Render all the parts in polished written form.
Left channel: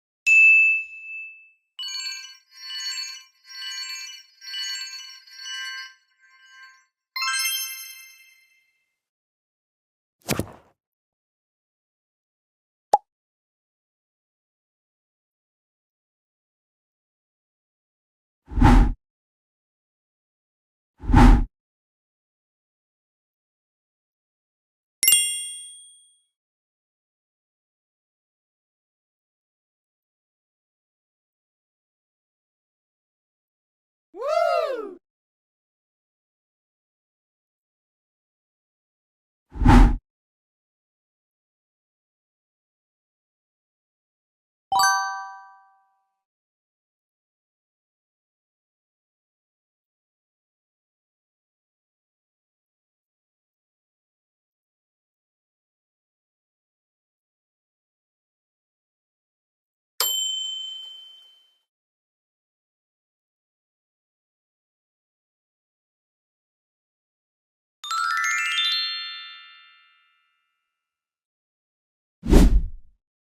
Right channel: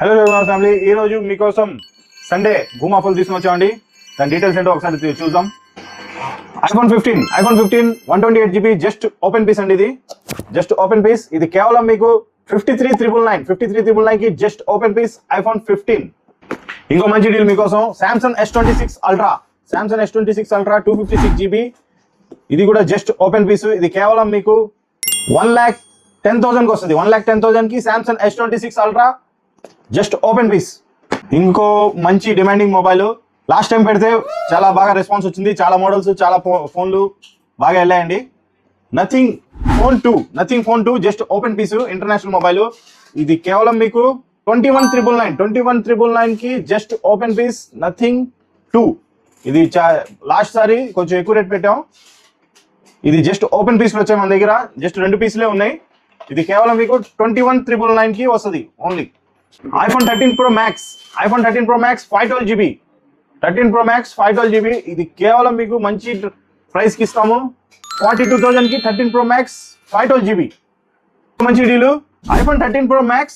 Hello family, ఈ రోజు మీకోసం సండే భూమ్ ఆఫర్లు తీసుకుని వచ్చామండి. దాని డీటెయిల్స్ ఏంటో ఒకసారి చూద్దాం. IPhone 15 128GB just open piece అండి. ఇది జస్ట్ ఓపెన్ పీస్. ఇది కేవలం మీకు 53,999 కి జస్ట్ ఓపెన్ పీస్ ఐఫోన్ 15. ఇంకో మంచి డీల్ మీకోసం Samsung S26 Ultra 256GB. ఇది కూడా జస్ట్ ఓపెన్ పీస్. ఇది కేవలం మీకు 1,10,000 కి వస్తుంది. 1,10,000 కి Samsung S26 Ultra just open piece. ఇంకో మంచి డిమాండింగ్ మొబైల్ లాస్ట్ టైం పెడితే చాలా బాగా రెస్పాన్స్ వచ్చింది. చాలా మోడల్స్, చాలా ఫోన్లు బాగా వెళ్ళాయండి. Nothing phone 2 just open piece, international mobile. ఇది కేవలం మీకు 21,999 కి జస్ట్ ఓపెన్ పీస్ నథింగ్ 2. ఇది లాస్ట్ సారి కొంచెం ఎక్కువ రేట్ పెట్టాం. ఇది జస్ట్ ఓపెన్ పీస్లు వచ్చాయి మన దగ్గర. జస్ట్ 2 పీసులే ఉన్నాయి. ఇది కేవలం మీకు 21,999 కి వస్తుంది only. iPhone 13 Pro Max 512GB 13 Pro Max 512GB. ఇది కేవలం మీకు మంచి ప్రైస్ కి ఇస్తాము. 42,000 కి 13 Pro Max 512GB మంచి deal. iPhone 13 Pro Max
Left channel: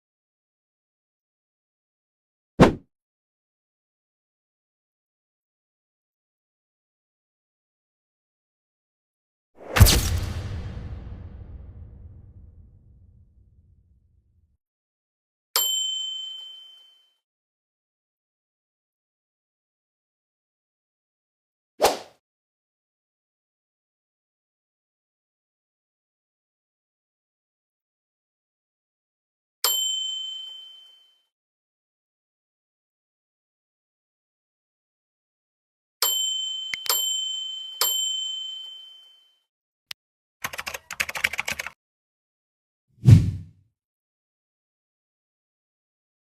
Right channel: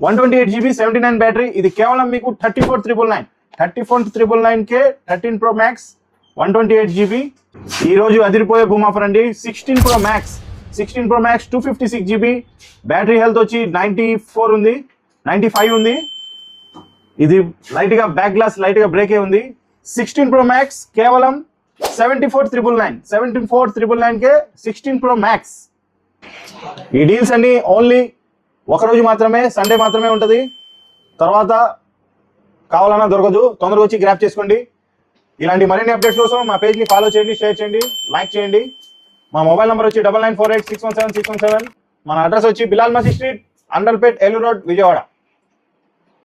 128GB 79 battery. ఇది కేవలం మీకు 34,999 కే 13 Pro Max 128GB. ఈ రోజు అదిరిపోయే భూమ్ ఆఫర్ అండి. 16 Pro Max 256GB battery health వచ్చి 94 ఉంది, 95 ఉంది. ఇది లైట్ గా బ్యాక్ గ్లాస్ లైట్ గా బ్రేక్ ఉంది. 16 Pro Max కేవలం 74,999 కే 16 Pro Max. ఈ డీల్స్ అన్ని ఓన్లీ ఒక రోజు మాత్రమే, సండే మాత్రమే ఉంటుంది. తర్వాత కావాలన్నా దొరకదు. తొందరగా వచ్చి గ్రాప్ చేసుకోండి. ఇలాంటి మరిన్ని అప్డేట్స్ కోసం మా పేజ్ ని ఫాలో చేయండి, షేర్ చేయండి, లైక్ చేయండి. మా మొబైల్ నెంబర్ వచ్చి 9948617617. మన అడ్రస్ వచ్చి బిలాల్ మసీద్ స్ట్రీట్, అండర్పేట్, ఏలూరు రోడ్, విజయవాడ.